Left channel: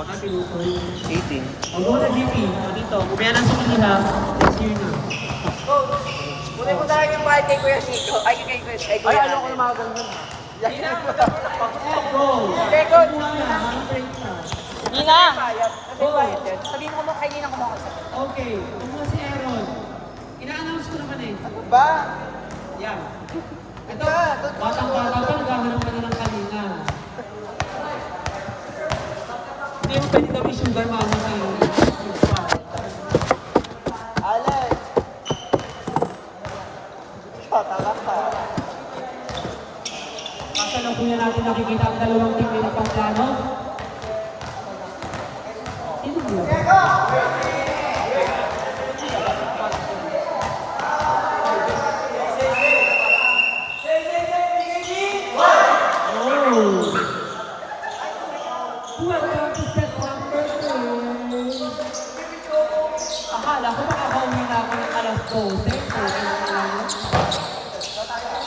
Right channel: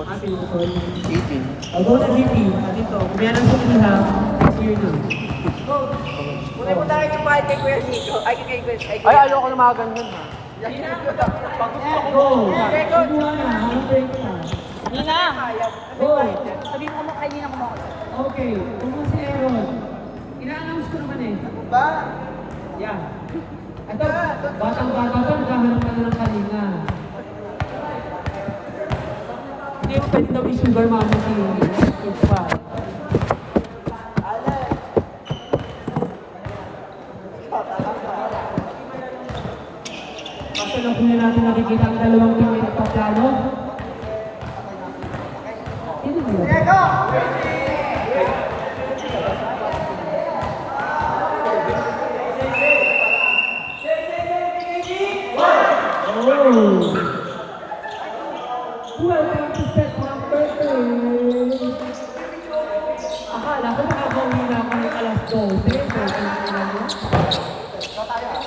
Pinutoy. 18. I'll go na GP. Dito, kumaya ng suki ha. Here na. Ulit mo talaga yung party ko yung Chico. Ay, Ay, ayoko na mga ganyan ha. Pagod ako mo. Very good. Nina! Go. Sabihin mo kay Nina kung ako. Okay. Kung mo si Aaron. Ina-announce ko naman eh. Ba? Yan. Ito, batang-bata pa, naghahanap ka na ng kanina. Hindi mo pwede daw i-sugar mama sa iyo. Pa. Kaso lang kung natin nakikita ang dalawang team na nagpaplano. Sino mo? Welcome to set number 2. Akala ko makakauwi na ako ng alas 12. So, kailangan mo.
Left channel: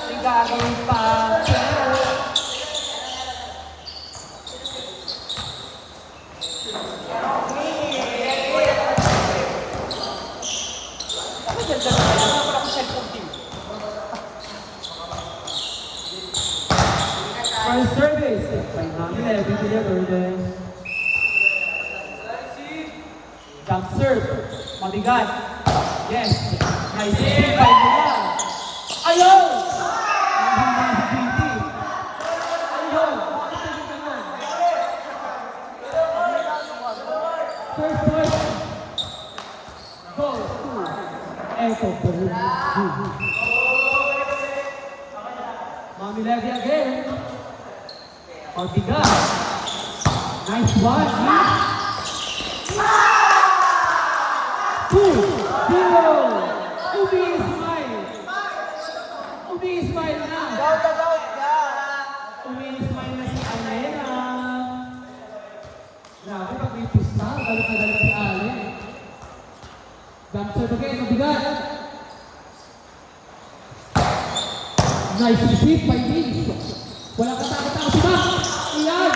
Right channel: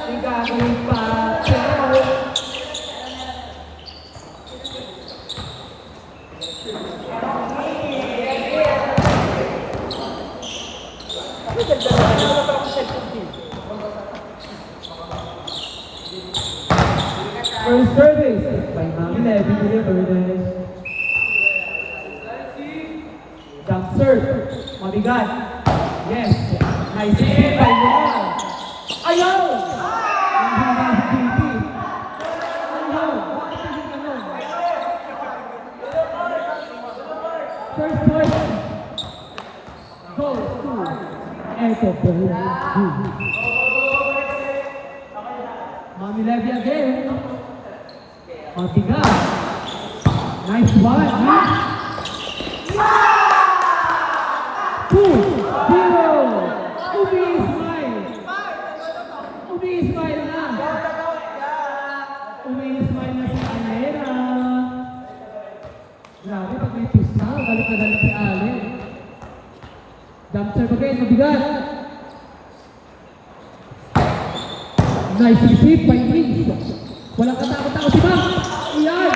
May gagawin pa. Pero, first service by Mami Levy Villafernandez. Jump serve. Mabigat. Yes. Nice. By Mama. Ayaw! Hindi na beauty. Ayaw. First point. Goes to Echo Peru. Mami Levy again. Mabigat. Nice one. Two. Zero. Umi-Ismail na. Umi-Ismail na si Alera. Grabe, pag may twist na, galit na galit si Ale. Jump shot again, mabigat. Nice receive by Reed. Walang katakot-takot si Mac. Iyan.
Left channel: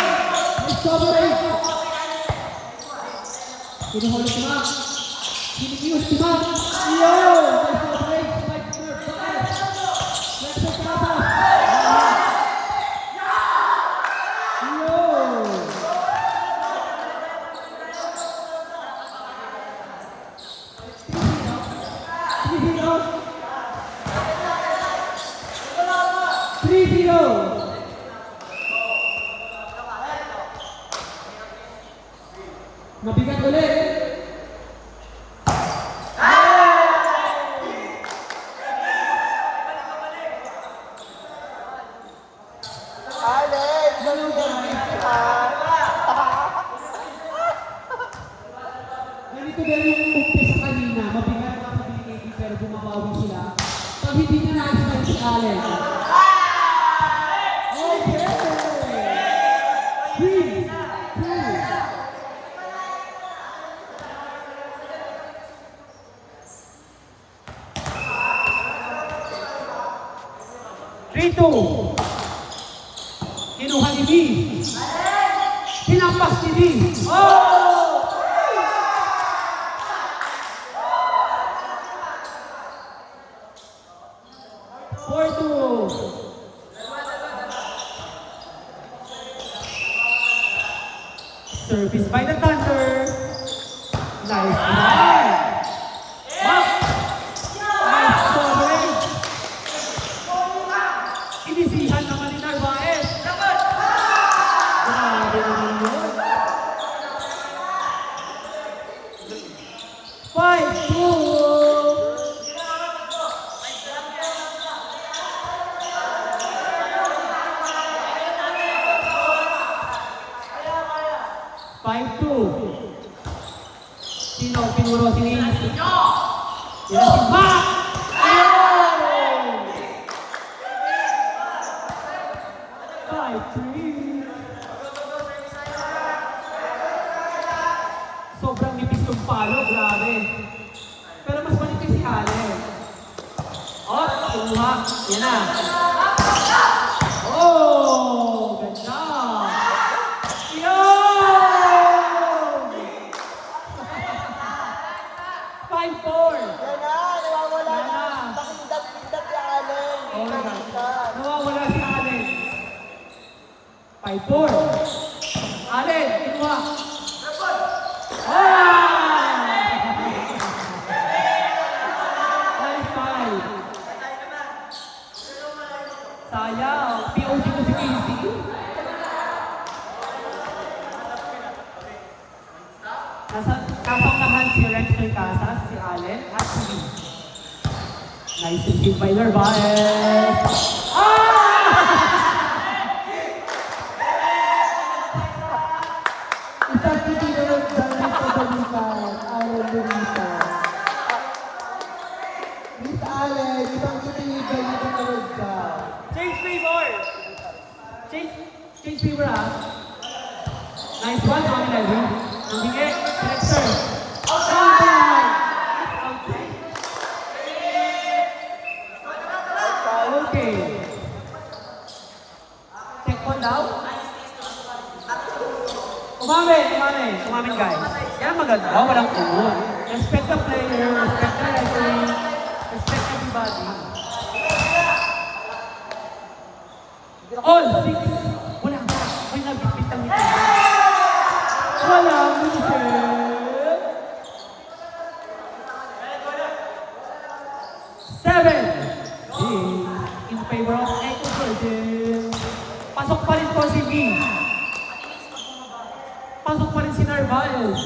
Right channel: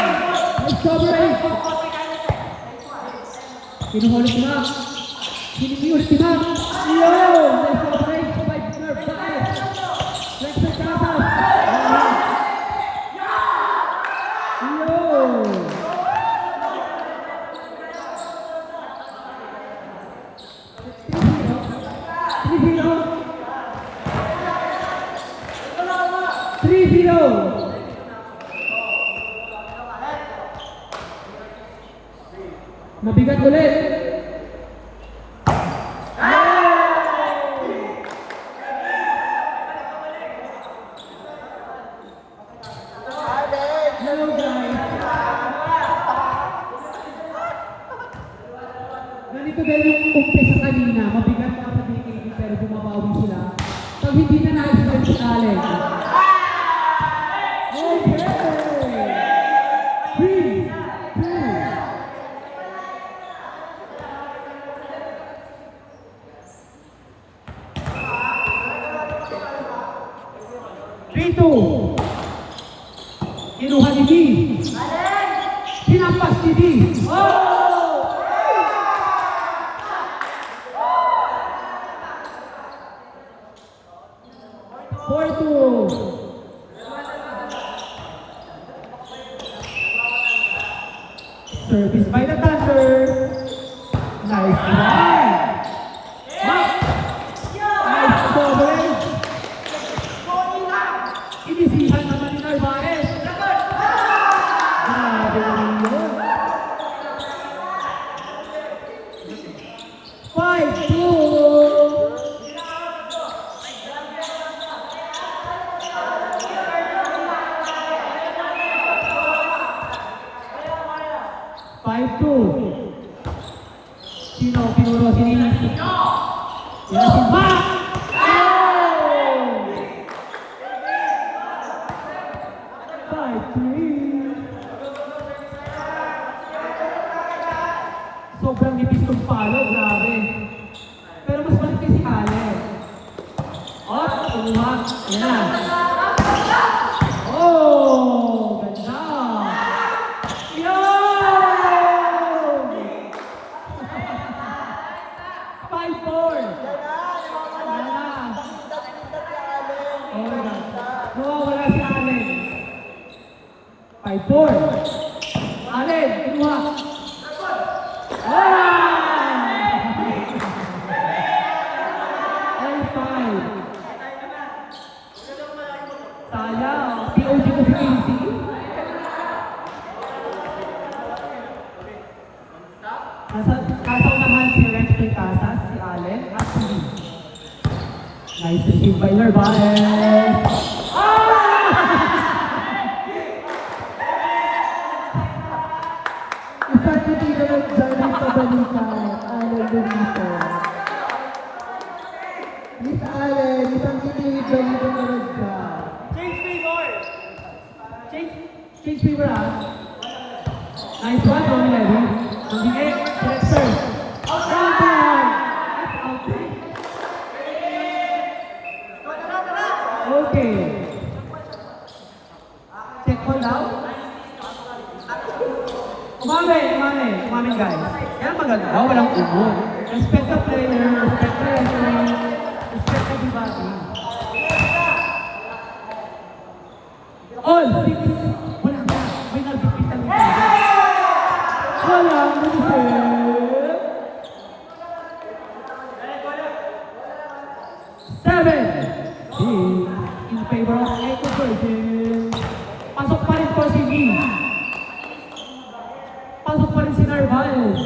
Nice coverage. Sinuhuli si Mac. Sinimius si Mac. Iyan. Nice coverage. Spike nerve. Lexer Casas. Iyan. Three-zero. Mabigat ulit. Hello guys. Ganito din yung umpisa kanina. Mabigat na pabilikin pero bumabawi sila. Pag hindi na na-expect si Allen. Rito. Kinuha ni B. Pinampas ni B. Oh! 4-2. Service by the Thunder. Nice one. Nice coverage. Inisihan naman ni Narvaez. Grabe naman yun. 5-2. Sino pinuno si Nis? Yan si Mac! Sobrang nipis kong palo, grabe. Pero mas manipis si Ale. Oh, kuha. Yan na. Oh, ganda. Yo! by Narvaez. Isang kaibigan ng Jeremy Pabalita ang nandito. Miss Allen, isang kaibigan ng Pabalita. Change favor. Change favor ah. Nice one, Romel. Sige, Dexter. Okay. Check one out. Umamin guys. Yan maganda. Walang ubo. Respect the player, respect the referee, respect everybody. All six. Wala. May nagpapit ang ito. Wala. Seven. In favor of Echo Virgin. Pasok pa rin po si Lee. Pasok pa rin si Narvaez.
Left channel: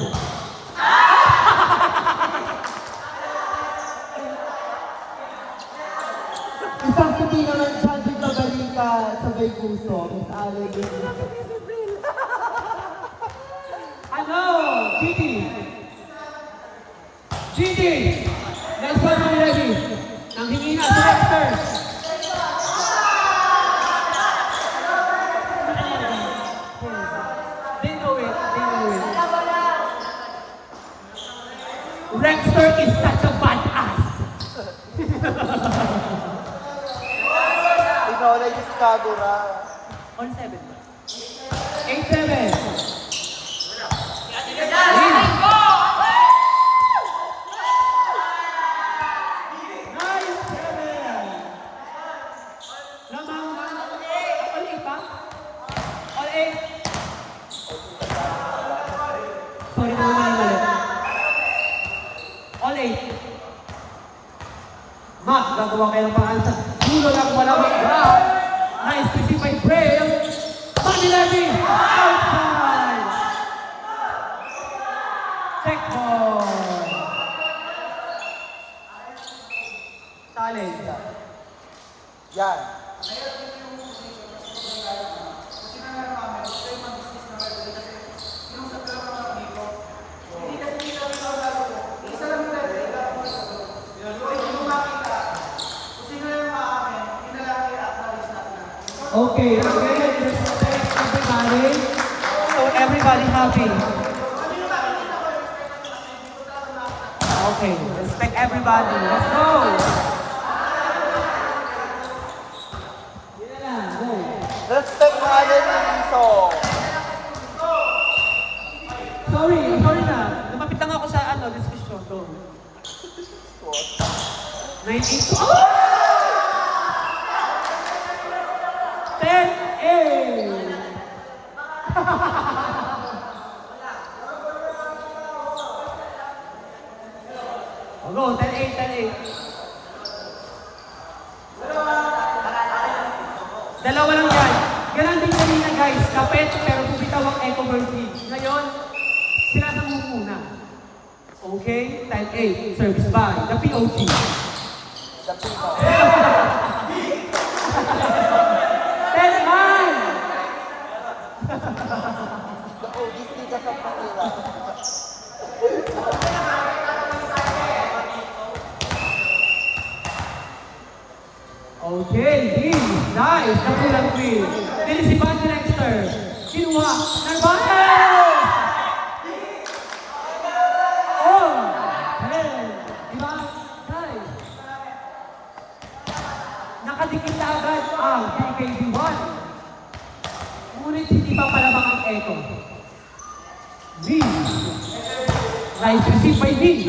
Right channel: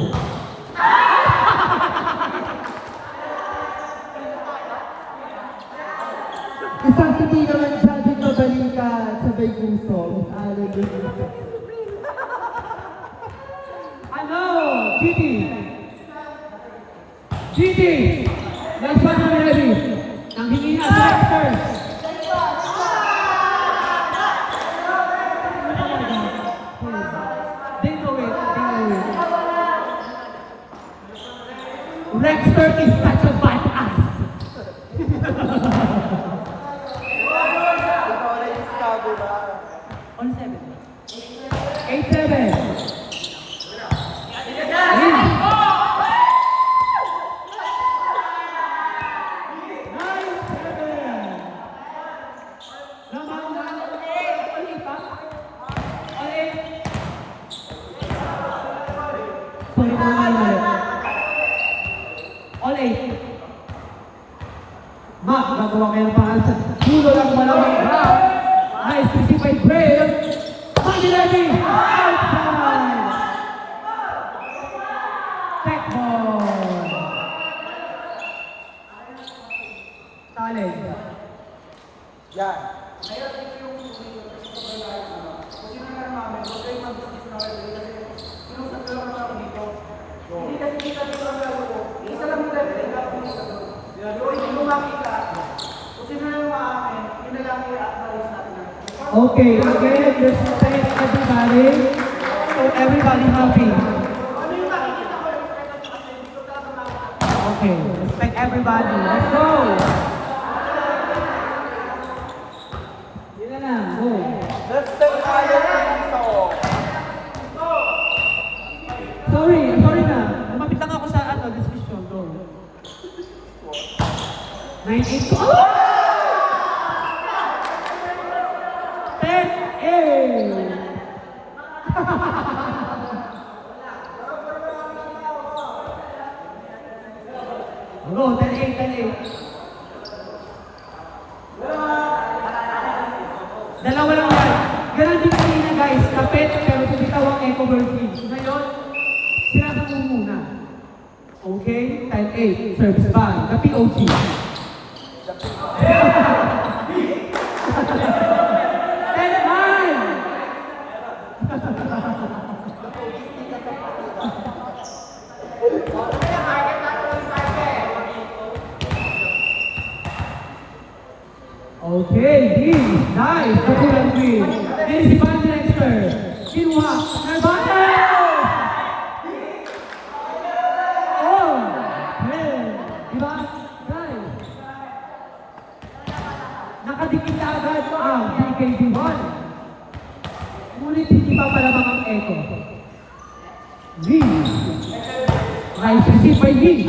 Isang kaibigan ng Jeremy Pabalita sa Bayguso. Miss Allen, Bayguso. Ano? Gigi. Gigi. Last one for ready. Nang hingi na sa Dexter. They know it. Dexter is such a badass. Ikaw na yung Chicago na. On 7. 8-7. All 8. Not nakuha kayo ng pangalan. Dulo ang malamig. Nice receive by Braille. Mami lagi. Outside. Check ball. Talent. Yan. Ngayon, ito yung position kasi kung may layo ano. Kung sinanay namin, huwag kayong mag-business na referee kasi kinusap ko lang naman ako dito. Hindi kasi kita dito ang lalo ko. Isa lang yung referee, lahat mo isa ko. Yung hindi mo makita, kung sino na yung maamin, yun na lang i-acknowledge natin lang. Okay, again, respect everybody. So everybody happy. Ano yung makikita ko, respect natin kasi dito talaga makita. Okay, respect everybody. Let's go. Yun na lang, go. Let's talk about it. Sorry na. Lumapit lang ako sa discussion. Go. 9-8. 10-8. Go, 10-8. Dalawa lang yan. Ganon din kanina guys. Kapit, pero kumitaw ang Echo Virgin. Ngayon, sila na muna. Okay? 10-8. Service by the POG. Okay, D, nice, very lovely. And si Pat Dexter, kinuha, Narvaez! Oh, hey, diba? Guys, nakadikit na agad ang BKB1. Ngunit hindi pa palabang ang Echo. D, nice receive by D.